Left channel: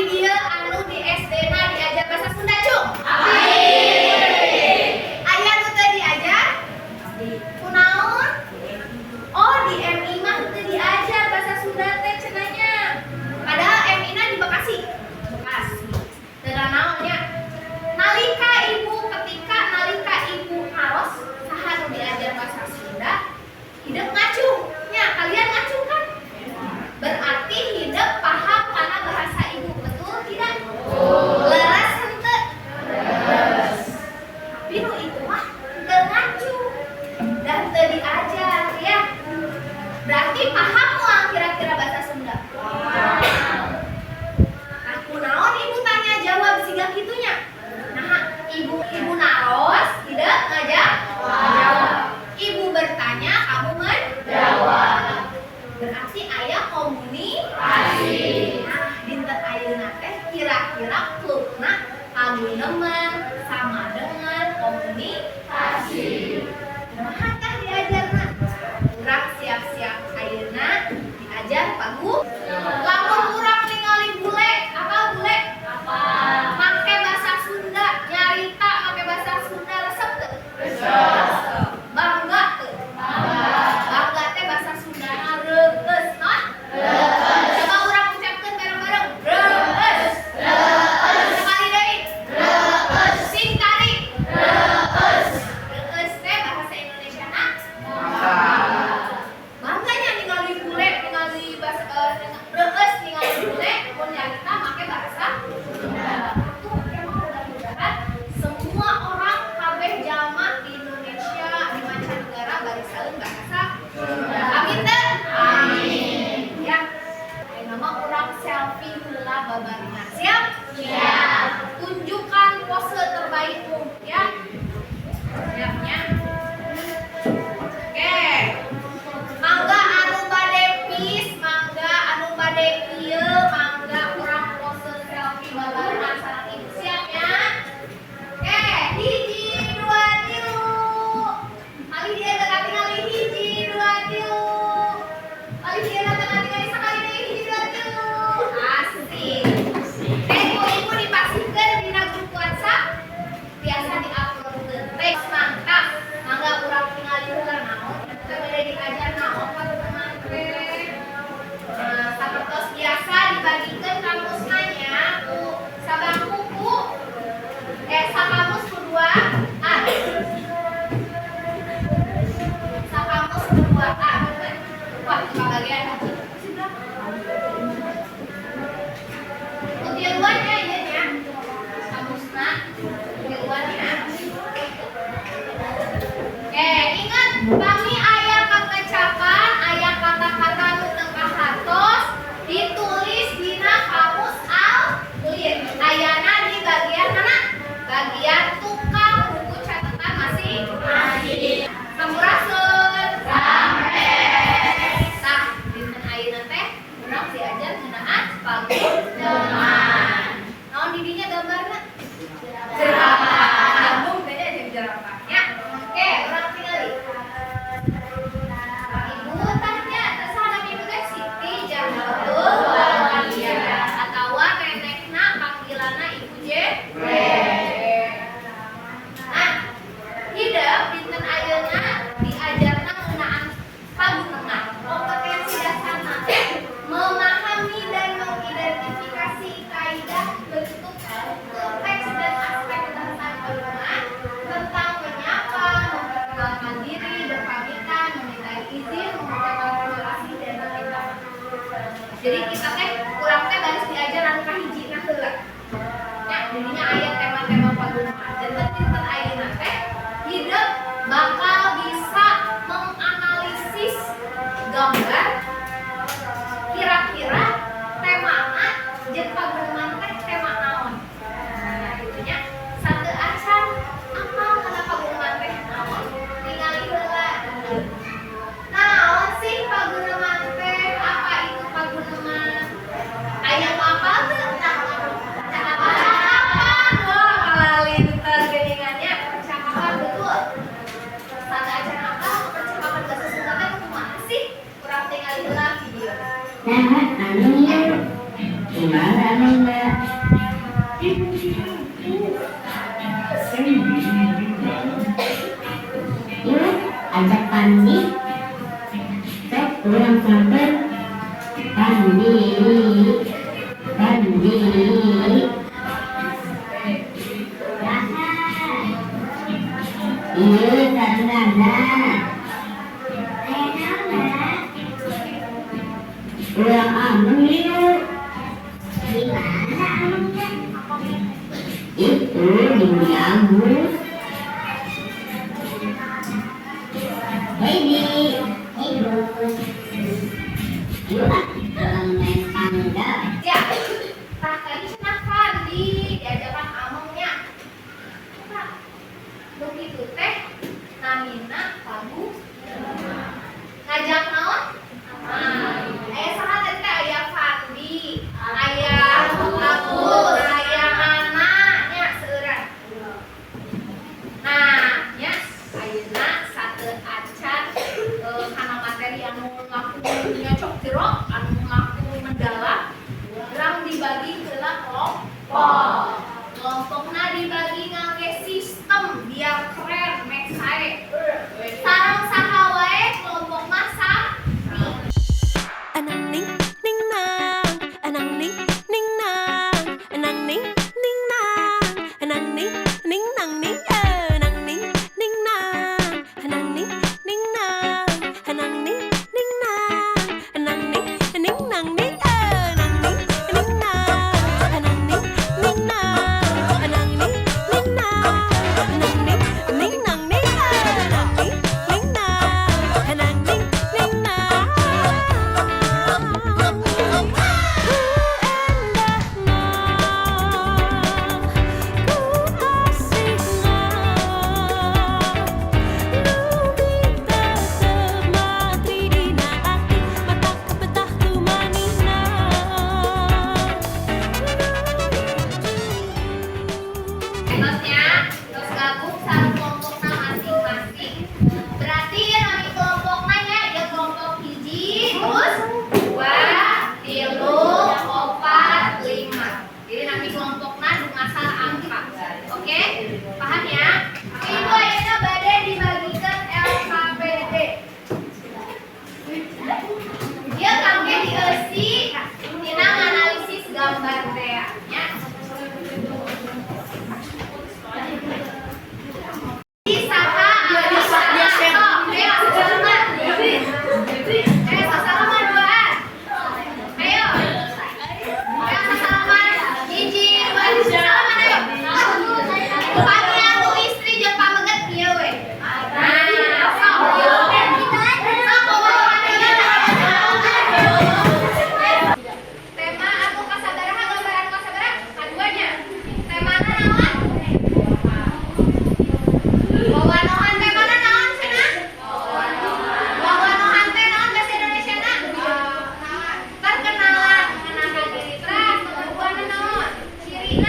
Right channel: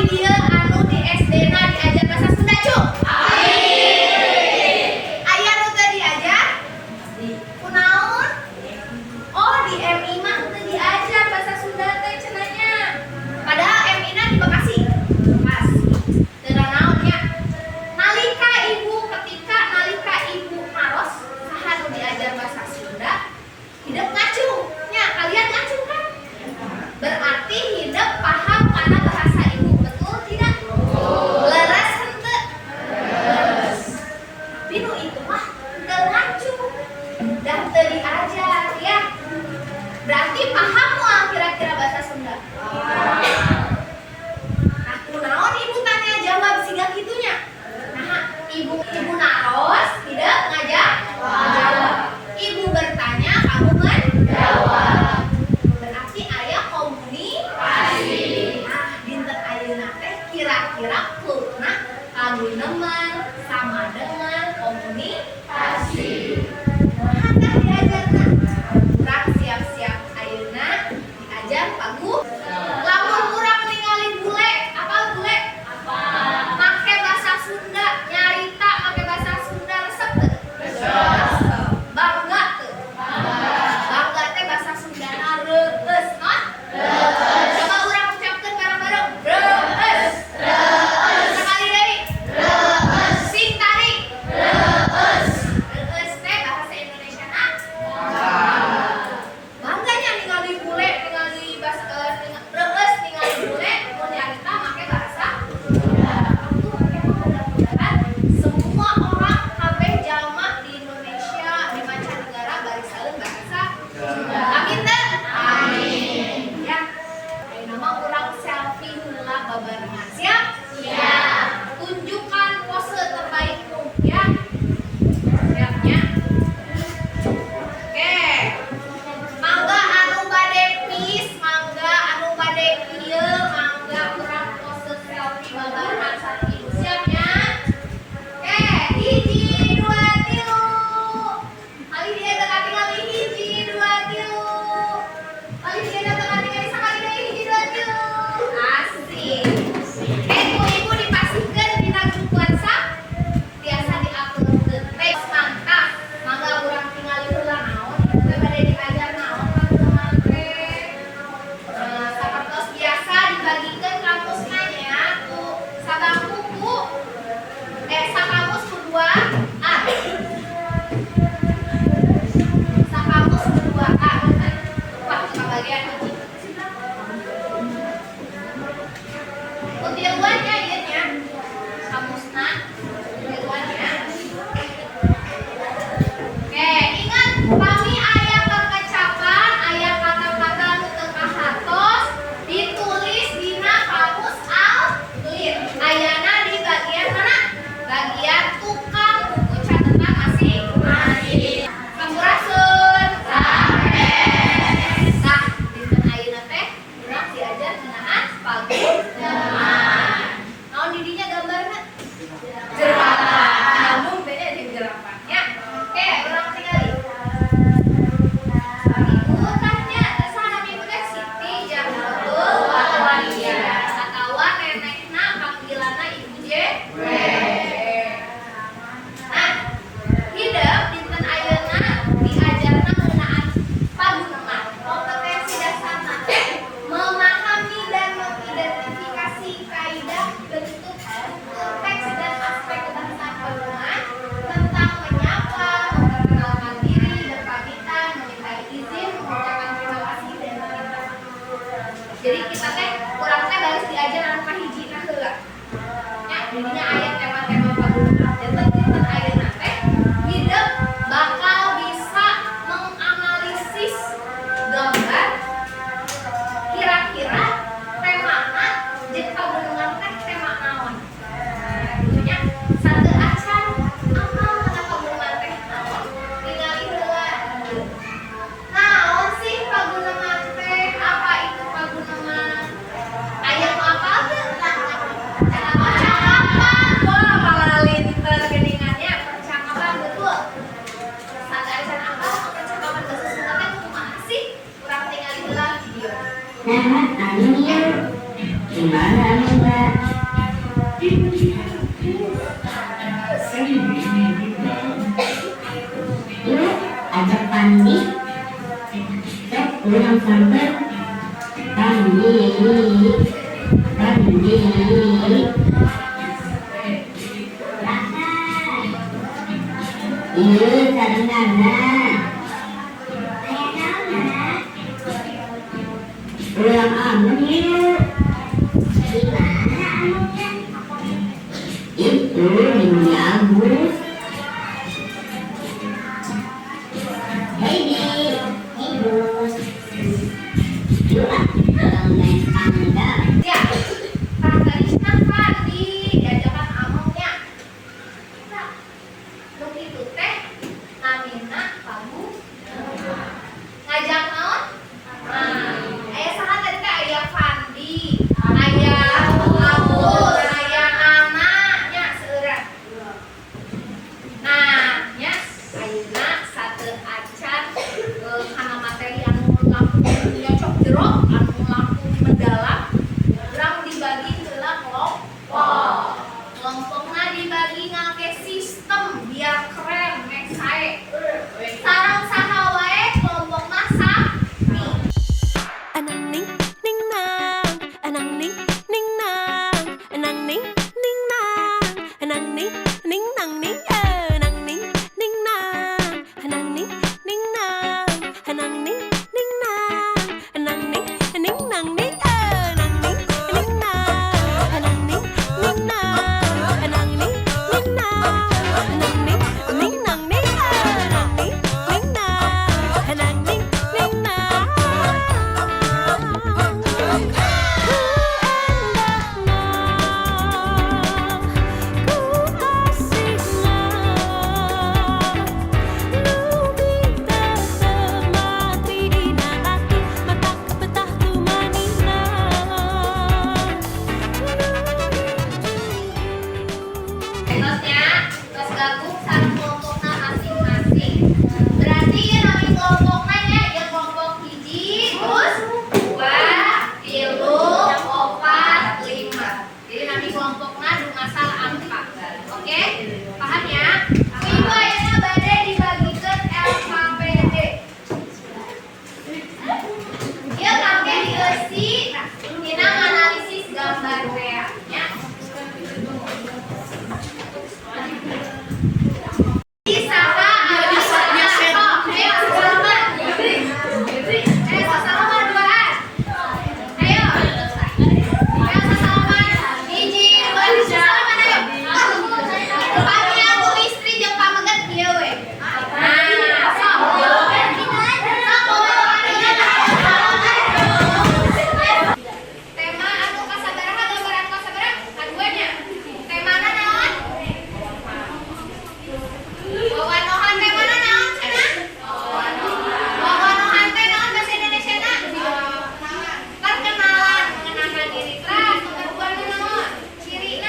di dia anu di SD na diajar bahasa Sunda cuk? Aya nu teu diajar? Kunaon? Oh di MI mah teu diajar bahasa Sunda teh cenanya. Padahal MI na di Bekasi. Teu naon nya. Nalika ibu naros saha nu diajar bahasa Sunda, hideuk ngacung. Nya kalian ngacung kan? Berarti hideuk paham kana bahasa ibu, betul tidak? Leres henteu? Leres. Tapi nu itu mah teu ngacung dan teu diajar ya. Berarti paham moal kira-kira bahasa Sunda? Nah, kunaon ibu tanya jawab siga kitunya? Nah, ibu naros hideuk ngajawab. Ibu bertanya, kamu menjawab. Berarti aya komunikasi. Nah, dinten ayeuna teh kira-kira klubna kaguneman sama dengan komunikasi. Kumaha tah diajarna? Urang siap-siap ayeuna diajar pagu. Lamun urang ningali bule, apa bule? Apa? Make bahasa Sunda, nyarita make bahasa Sunda resep teu? Resep. Bangga teu? Bangga teh bahasa Sundana reueus non? Reueus. Coba urang ucapkeun bareng-bareng. Reueus. Reueus. Sekali deui. Reueus. Sing tarik. Reueus. Reueus teh bahasa Indonesiana bangga. Bangganya ningali bule, ningali bahasa reueus ningali bule mun nyarita make bahasa Sunda. Atuh mudah-mudahan semua orang kabeh jalma di Indonesia di mancanegara barisaeun bahasa Sunda. Amin teh? Amin. Ya. Ayeuna mah urang selfie heula babarengan. Siap? Siap. Tunjukkan pose terbaikmu ya. Siapnya? Oke. Mangga anu bade peace, mangga anu bade kieu, mangga urang pose selfie babarengan sareng ibu. Siapnya? Oke, 1 2 3. Ali dia tengah tinggali 1 2 3. Ali dia tengah tinggali sakali deui 1 2 3. Asik. Ibu dipasikeun dina grup WhatsApp biasa di-uploadkeun. Teh mantap. Mangga urang tingali heula naon? Teu bade diajar naon ka teman teh. Sapertos biasa dibagikeun kamusna nya ku sabang buku. Sakamus kedua A. Sakamus kedua A. Wah, bagian hiji. Utiluannya ieu nya. Kamusna utiluannya. Oke, ingat pami aya kakecapan, aya kata-kata nu teu kahartos ditulis dina kamus Al-Ghalib. Ayana di bagian mana? Bagian tukang buku catatan masing-masing. Sampurasun. Sampai. Tah, dinten ayeuna teh urang diajar ngeunaan paguneman. Naon di dinya gambarna? Jerapah. Nyambung teh jeung jerapah nya. Oke, urang tingali. Ibu tanya, saha nama ibu teh? Siti Jahnatul Waliyah atawa nenekna panggilanna Ibu J. Nah, hideuk dinten ayeuna diajarna ngeunaan paguneman. Kompetensi dasarna teh memahami dan mengidentifikasi kaidah bentuk konteks dan aspek kebahasaan paguneman tentang menyapa, memperkenalkan diri, berpamitan, meminta izin, mengucapkan terima kasih dan meminta maaf. Jadi kita teh kurang teh baris diajar anu kahijina heula. Nya didinya aya tema-tema paguneman. Dan dinten ayeuna teh hideuk bakal bisa menganalisis gambar kira-kira temana jeung paguneman teh tema naon. Nah, gitu nya. Sateu acan apal kana paguneman teh naon? Ningali heula. Naon sih paguneman teh? Apa itu paguneman? Aya nu apal teu? Cenah maca kapan? Pandi. Sok ulang sampai Pandi. Pandi. Rasa. Iya, sarang-sarang. Ulang amun yuk. Di mana amunnya? Itu di Agus. Heidi, hey Gus. Yuk orang main pangdal. Ya, Kak Karisna Fandi diajakan amongnya. Nah, begitu teh namina kamu ngajak naon? Aya saha teh teh aya Fandi, aya Agus, aya Nana nya seureun. Nah, nya ayeuna sateu acan kana materi anu langkung nyocok jero, anu langkung mendalam, urang dibagi heula kelompok. Kelompokna dibagi ngangge sistem biar keren mek sae. Sareng saha wae kelompok mah sami. Anang ning ning nang, anang ning ning nang, anang ning ning nang, anang ning ning nang ning, anang ning ning nang, anang ning ning nang, anang ning ning nang, anang ning ning nang ning, anang ning ning nang, anang ning ning nang, anang ning ning nang, anang ning ning nang ning, anang ning ning nang, anang ning ning nang. Terusnya, terus gabung sareng kelompokna masing-masing. Berarti ya nami kelompokna nya ya kelompok hiji, terus 2, 3, 4, 5. Jadi nami kelompokna dungasar angka. Oke? Paham ya? Minggu ayeuna bade dibagikeun LKPD. Ieu kangge dieusi tina nganalisis gambar rea nya. Perkenalan mengenalkan diri kelas, pengakuan naon, ciri